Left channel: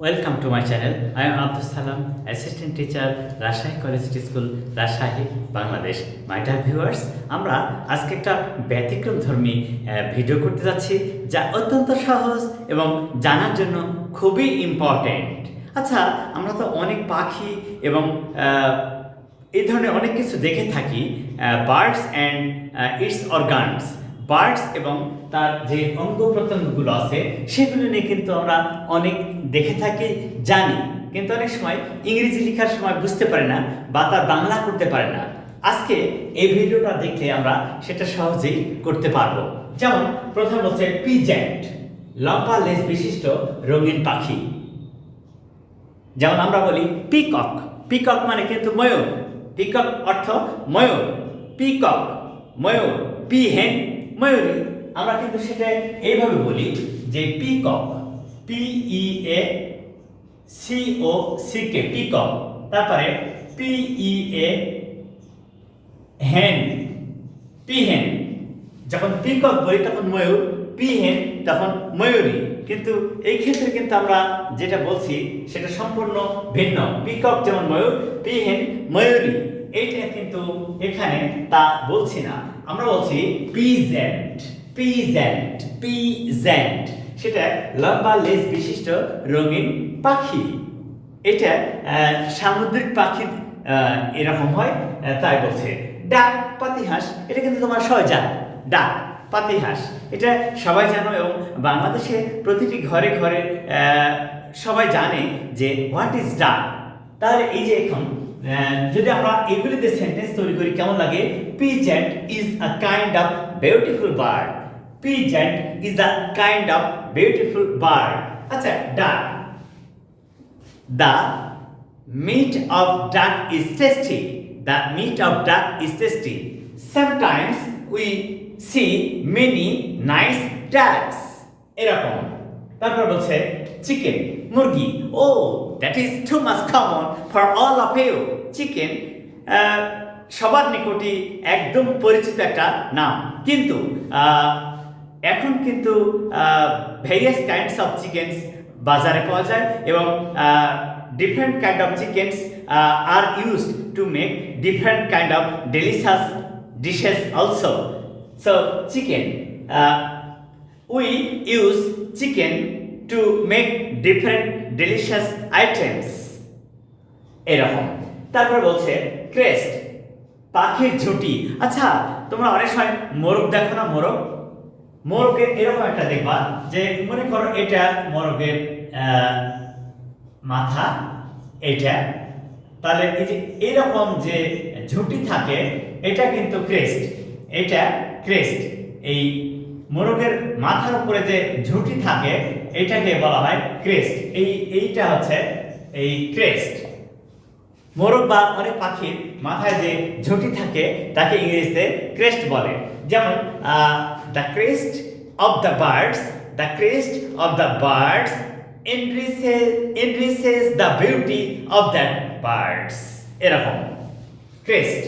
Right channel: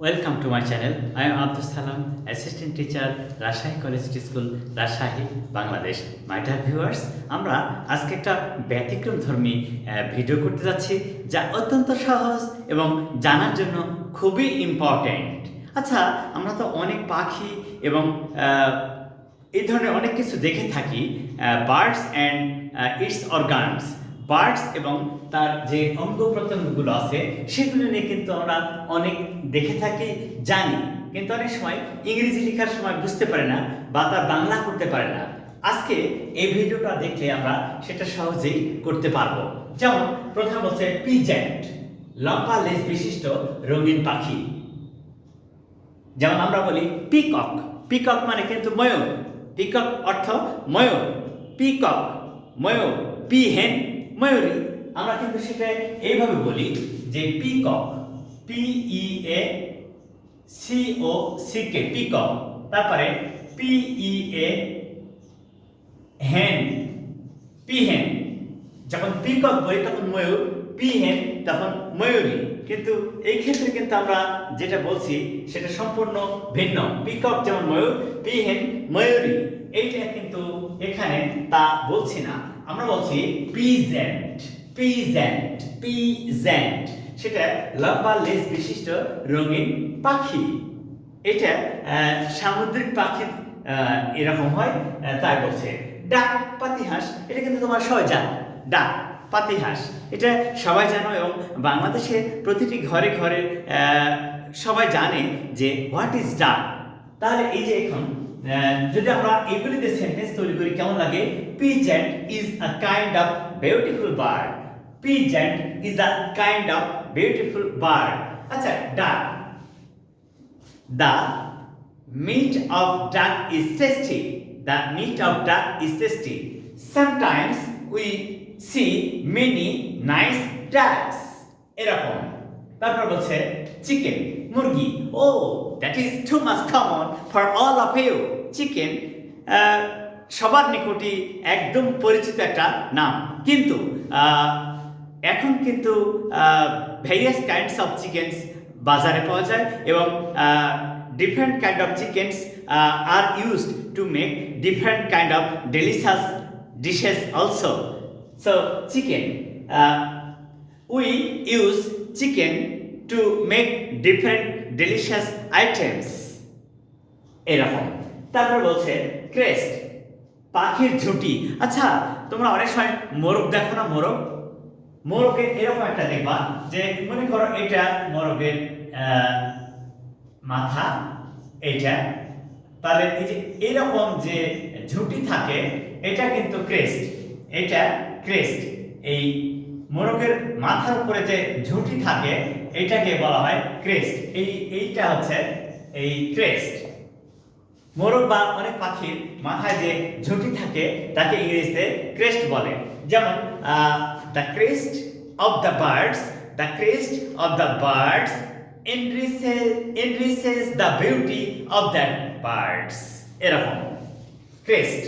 Welcome to my channel. I am Abdus Salam, Assistant Teacher, Rajshahi Collegiate School, Rajshahi, Bangladesh. My dear viewers, আমরা আজকে একটা ব্যতিক্রমধর্মী video করতে যাচ্ছি যা অত্যন্ত সহজ এবং জানার জন্য খুবই ইম্পর্ট্যান্ট। আচ্ছা, আমরা তো অনেক পাখি এবং এই ধরনের অনেক কিছু দেখে থাকি, birds and it's organs, birds এবং তার যে অঙ্গ প্রত্যঙ্গগুলো আছে সেগুলো নিয়ে কিন্তু আমরা অনেক দেখে থাকি, জানি, কিন্তু অনেক সময় ইংরেজি লেখার সময় বুঝতে পারে না বা তার বাংলা করতে পারে না। আজকে এই ভিডিওটা দেখলে আমরা সেটা সহজেই করতে পারবো। যেমন প্রথম হচ্ছে পিজেন্ট, লম্বা লেজ বিশিষ্ট রঙিন পাখি। যেমন আমরা বলি পিকক, পিকক মানে কিন্তু ময়ূর, পিকক অর্থ ময়ূর, পিকক ময়ূর, পি হেন ময়ূরী। আমরা কিন্তু সেটা এইভাবে বলি যে পিকক, PEACOCK, পিকক। তারপরে PEA হেন, পিহেন। যখন পিকক বলি তখন ময়ূর, পিহেন তখন ময়ূরী। কিন্তু এই ক্ষেত্রে কিন্তু আমরা যেটা বলছি সেটা সম্পূর্ণ ভিন্ন। পিকক যেমন ময়ূর, পিহেন ময়ূরী, এইটা কিন্তু এখানে তা বলছি না, আমরা বলছি পিজেন্ট, পিজেন্ট, পিজেন্ট। সেটা লম্বা লেজ বিশিষ্ট রঙিন পাখি। এটা সামুদ্রিক পাখি এরকম হয়, তাই বলছে। ডাক, পাতিহাঁস, এটা কিন্তু তোমার সবাই জানো। ডাক, পাতিহাঁস এটা সবাই জানো এবং বাংলাদেশে প্রতিটি ঘরে ঘরে সবাই জানে যে হোয়াট ইজ ডাক। তাহলে এই যে এখন যদি আমরা এগুলিতে সেন্টেন্স তৈরি করি কেমন লাগে? Peasant is a kind of beautiful bird, peasant is a kind of beautiful bird. আচ্ছা, ডাক, the meat of duck is tasty, the meat of duck is tasty, sometimes we see many nice ducks, এরকম। তারপর বলছে chicken, মুরগি, oh that is too much common for all of you. Chicken সবার নিকটই একদম পরিচিত একটা নাম, কিন্তু এখন কিন্তু ভেরিয়াস কাইন্ডস অফ চিকেনস বাজারে পাওয়া যায় এবং different kind of chickens are used to make different kind of delicious dishes also. So chicken, we use chicken to make different delicious items, এরকম। তারপর বলছে ক্রেস্ট, পাখির ঝুঁটি। আচ্ছা, তোমরা অনেক সময় মোরগ দেখো না? মোরগ, মোরগের এরকম একটা দেখবা যে মনে করো এটা মোরগের মাথা, এটা, তাহলে এই যে এরকম যে ঝুঁটি থাকে এটা কিন্তু ক্রেস্ট, এটা ক্রেস্ট। এই মোরগের মাথার উপরে যে ঝুঁটি থাকে এটাকে বলা হয় ক্রেস্ট। এইটা হচ্ছে এই ক্রেস্ট। মোরগ বা অনেক পাখির মাথায় যে ঝুঁটি থাকে তাকে ইংরেজিতে ক্রেস্ট বলে। যেমন the crest of the birds, the crest of the birds increases the beauty of that birds, এরকম ক্রেস্ট।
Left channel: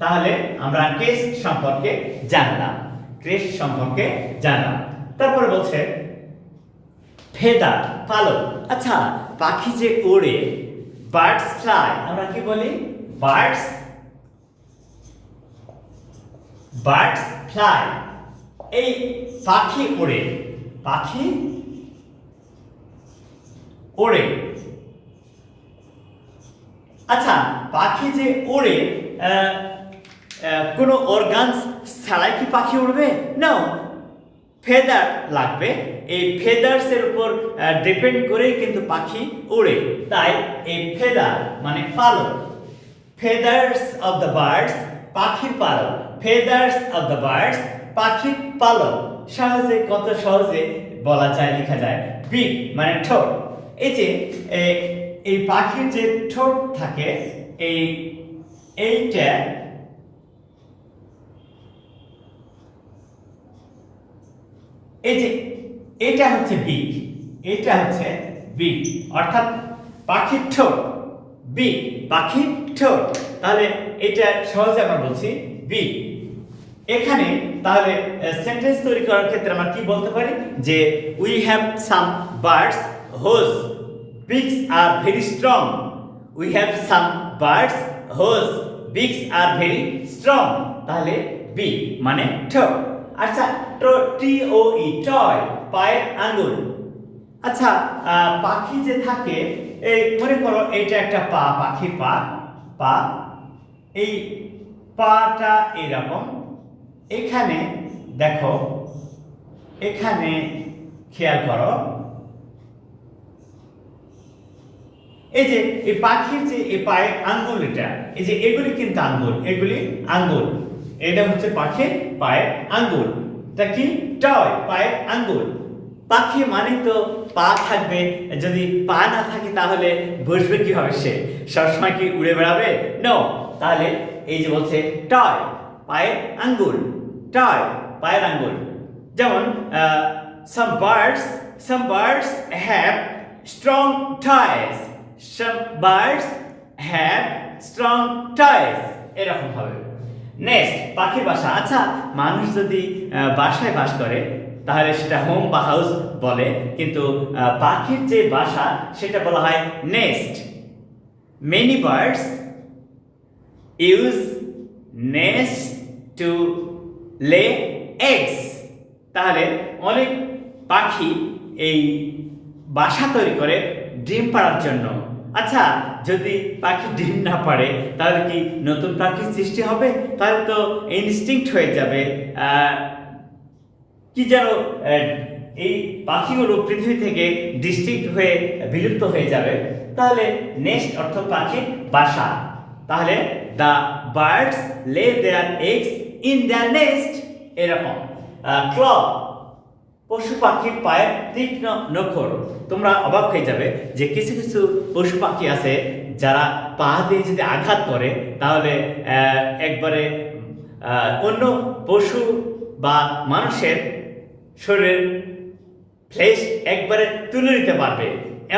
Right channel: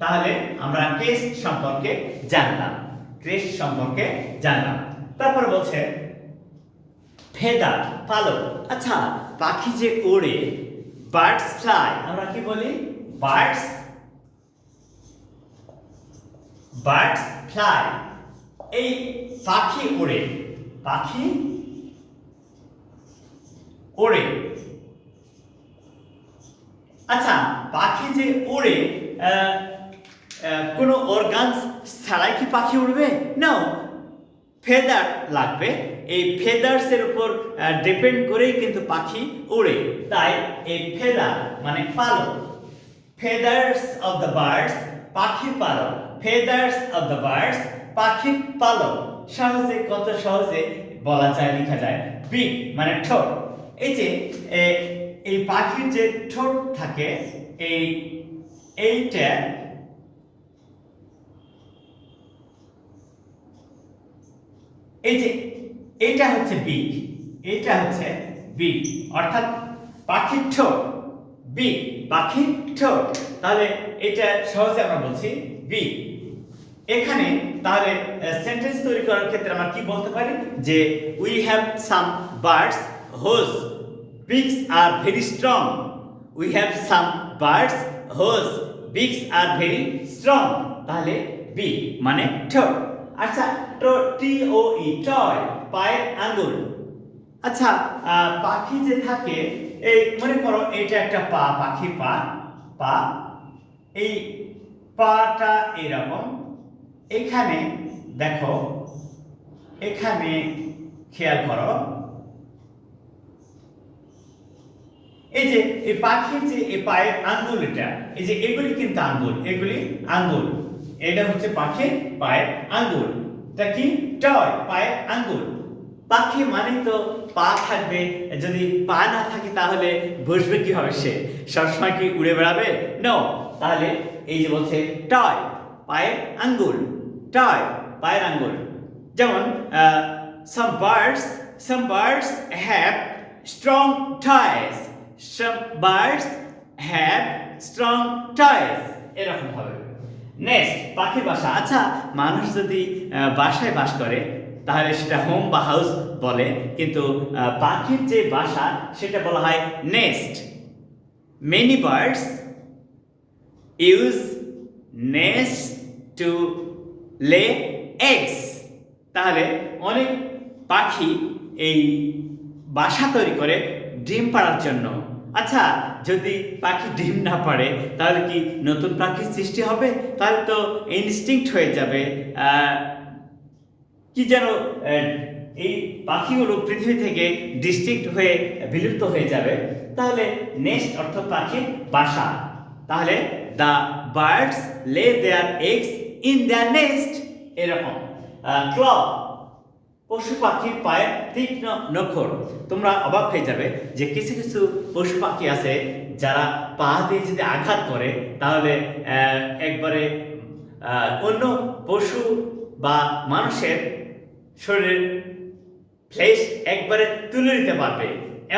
তাহলে আমরা ক্রেস্ট সম্পর্কে জানলাম, ক্রেস্ট সম্পর্কে জানলাম। তারপরে বলছে ফেদার, পালক। আচ্ছা, পাখি যে ওড়ে, বার্ডস ফ্লাই, আমরা কি বলি? Birds, birds fly. এই পাখি ওড়ে, পাখি ওড়ে। আচ্ছা, পাখি যে ওড়ে কোনো অর্গানস ছাড়াই কি পাখি উড়বে? না, ফেদার লাগবে। এই ফেদার্সের উপর ডিপেন্ড করেই কিন্তু পাখি উড়ে। তাই এই ফেদার মানে পালক, ফেদার্স অফ দ্য বার্ডস, পাখির পালক, ফেদার্স অফ দ্য বার্ডস, পাখির পালক। সহজে, কত সহজে বলা যায়, লেখা যায়। বিক মানে ঠোঁট। এই যে এই পাখির যে ঠোঁট থাকে, এইটা এই যে এটা হচ্ছে বিক, এটা হচ্ছে বিক, অর্থাৎ পাখির ঠোঁট, বিক, পাখির ঠোঁট। তাহলে এটা সহজে আমরা বলছি বিক। এখানে তাহলে সেন্টেন্স তৈরি করার ক্ষেত্রে আমরা কি বলতে পারি? যে we have some birds whose beaks are very strong. We have some birds whose beaks are very strong. তাহলে বি মানে ঠো। আচ্ছা, টি ও ই টয়, পায়ের আঙ্গুল। আচ্ছা, পাখি যে থাকে, এই মনে করো এটা একটা পা, পাখি পা, পা, এই পাটা এরকম। এখানে দেখো, এখানে খেয়াল করো, এই যে এই পাখির যে এই পায়ের আঙ্গুল, এটা এই যে এগুলি কিন্তু আঙ্গুল, এগুলি আঙ্গুল, এটা হচ্ছে পাখির পায়ের আঙ্গুল। এটা কি? টয়, পায়ের আঙ্গুল। পাখি মানে তো পা থাকবে, যদি পা না থাকে তাহলে বসবে কিভাবে সে? সবসময় কি উড়ে বেড়াবে? নো। তাহলে এই যে বলছে টয়, পায়ের আঙ্গুল, টয়, পায়ের আঙ্গুল। যেমন some birds have strong toes. Some birds have strong toes. এরকম হবে। নেক্সট, পাখির বাসা। আচ্ছা, মানুষ যদি বাসায় বাস করে তাহলে সেটা হোম বা হাউস বলে, কিন্তু পাখির যে বাসা সেটা বলা হয় nest. Many birds use nests to lay eggs. তাহলে অনেক পাখি এই বাসা তৈরি করে ডিম পাড়ার জন্য। আচ্ছা, যদি পাখি ডিম না পাড়ে তাহলে কি নতুন পাখির সৃষ্টি হবে? তাহলে তো ইনস্টিংক্ট হয়ে যাবে, কি যেন এই পাখিগুলো পৃথিবী থেকে ডিস্ট্রিক্ট হয়ে বিলুপ্ত হয়ে যাবে। তাহলে নেস্ট অর্থ পাখির বাসা। তাহলে দ্য বার্ডস লে দেয়ার এগস ইন দেয়ার নেস্ট, এরকম। ক্ল, পশু পাখির পায়ের তীক্ষ্ণ নখর। তোমরা অবাক হয়ে যাবে যে কিছু কিছু পশু পাখি আছে যারা পা দিয়ে যদি আঘাত করে তাহলে একবারে অন্য পশু বা মানুষের শরীরের ফ্লেশ একবারে তুলে নিতে পারবে,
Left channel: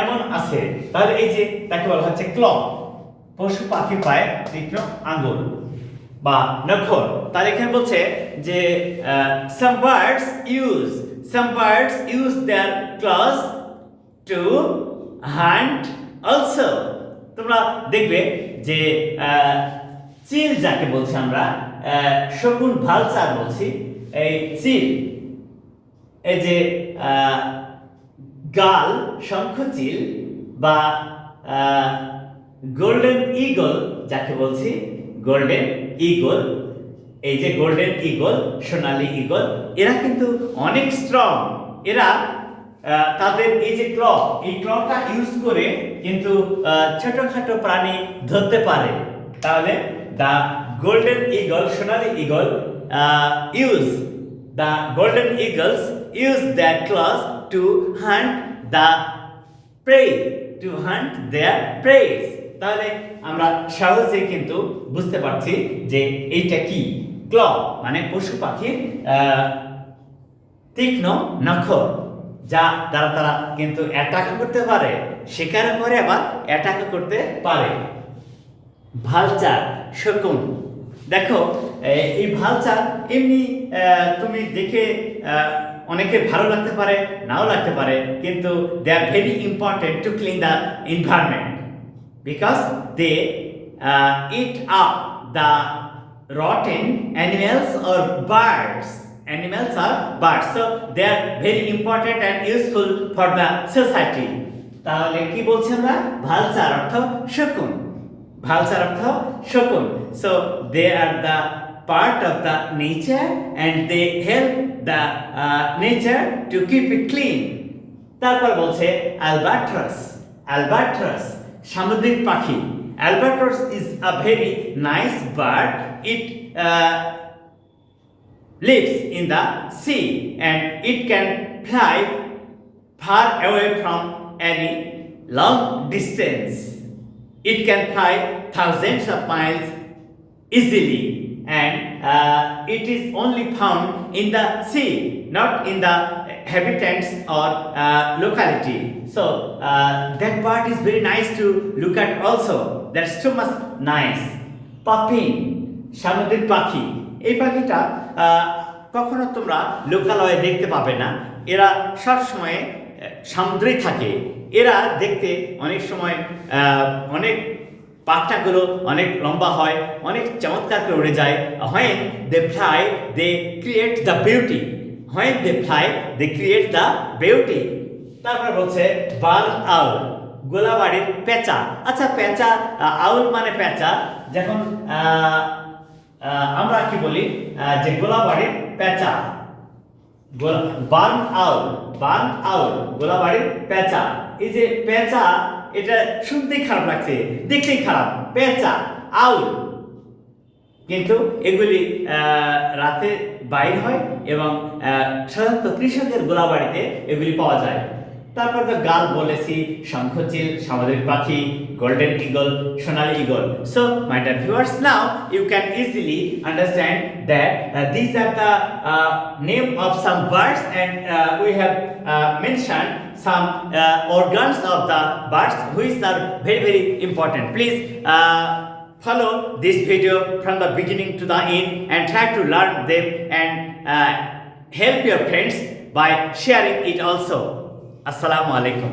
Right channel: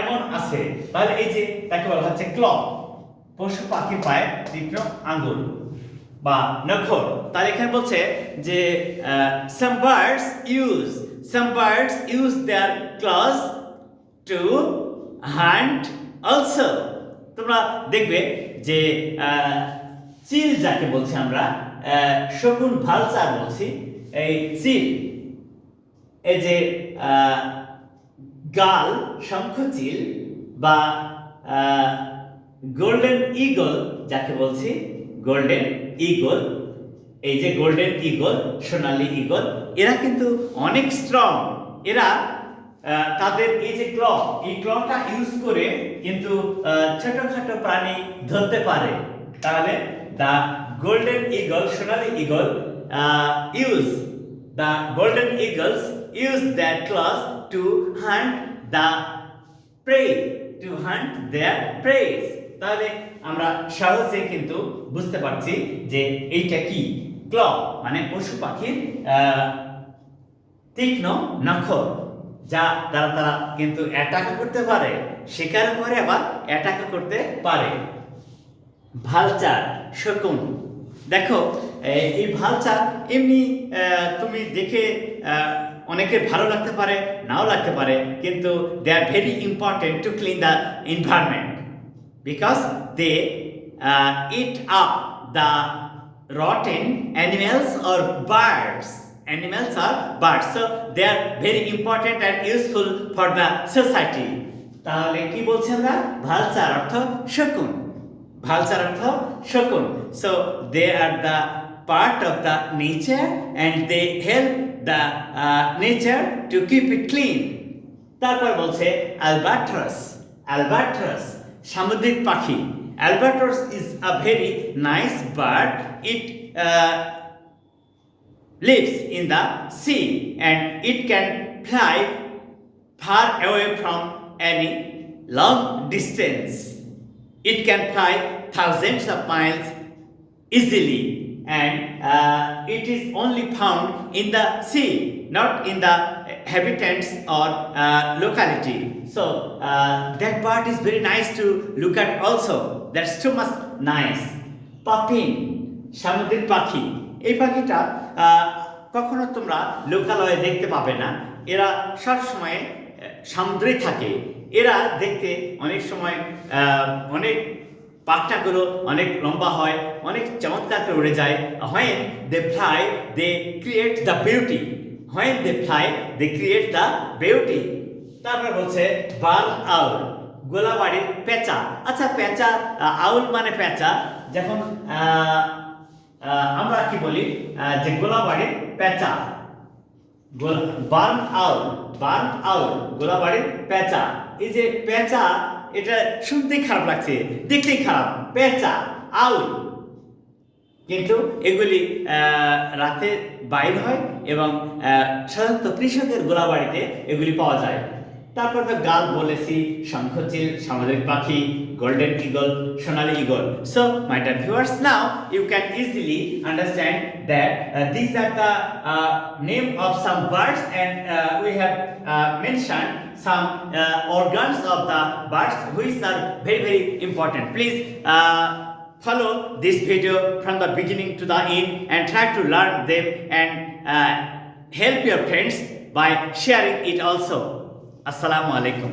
এমন আছে। তাহলে এই যে তাকে বলা হচ্ছে ক্ল, পশু পাখি পায়ে তীক্ষ্ণ আঙ্গুল বা নখর। তাহলে এখানে বলছে যে some birds use their claws to hunt also. তোমরা দেখবে যে চিল যাকে বলছি আমরা, শকুন, ভালচার বলছি, এই চিল, এই যে গাল, শঙ্খচিল বা গোল্ডেন ঈগল যাকে বলছি, গোল্ডেন ঈগল, এই যে গোল্ডেন ঈগল, সোনালী ঈগল, এরা কিন্তু অনেক স্ট্রং। এরা তাদের এই যে ক্ল, এই ক্লটা ইউজ করে কিন্তু ছোটখাটো প্রাণী ধরতে পারে। তাহলে the golden eagle, Sonali eagle the golden eagles use their claws to hunt their prey. তাহলে আমরা সহজে কিন্তু বুঝতে পারছি যে এইটা কি। ক্ল মানে পশু পাখির তীক্ষ্ণ নখর, যা দ্বারা তারা কিন্তু অ্যাটাক করতে পারে, শিকার করে আবার অ্যাটাক করতে পারে। ভালচার, শকুন। দেখো এই ভালচার এমনি তুমি দেখে অনেকে ভালো লাগতে পারে, নাও লাগতে পারে, কিন্তু they are very important to clean the environment because they eat up the rotten animals or birds. So they are very important and useful for the society. তাহলে কি বলছি আমরা? ভালচার অর্থ শকুন, ভালচার অর্থ শকুন। So they are the part of the nature and they help the nature to keep it clean. তারপর বলছে albatross, সামুদ্রিক পাখি। Albatross is a very nice bird. It lives in the sea and it can fly far away from any long distance. It can fly thousands of miles easily and it is only found in the sea, not in the habitats or locality. So that bird is very nice to look at also. That's too much nice. Puffin, সামুদ্রিক পাখি। এই পাখিটা কখনো তোমরা লোকালয়ে দেখতে পাবে না। এরা সব সময় সমুদ্রে থাকে, এরা দেখতে অনেক সময় অনেক পাখটাগুলো অনেক লম্বা হয়, অনেক চমৎকার করে উড়ে যায়। When they fly, they create the beauty. When they fly, they create the beauty. তারপর বলছে বার্ন আউল, গোলাবাড়ির পেঁচা। আচ্ছা, পেঁচা, আউল মানে পেঁচা। যখন আমরা কি বলি যে গোলাবাড়ির পেঁচা, বার্ন আউল, গোলাবাড়ির পেঁচা। এই যে পেঁচা, এটা শুনতেই খারাপ লাগছে, দেখতেই খারাপ, পেঁচা, আউল, কিন্তু এগুলি রাতে বাইর হয় এবং সাধারণত কৃষকের গোলাবাড়িতে এগুলি পাওয়া যায়। তারপর তো গাল বলেছি, শঙ্খচিল, সামুদ্রিক পাখি, golden eagle, Sonali eagle. So my dear viewers, now you can easily understand that these are the name of some birds, and we have mentioned some organs of the birds which are very very important. Please follow this video from the beginning to the end and try to learn them, and help your friends by sharing it also. Assalamu alaikum.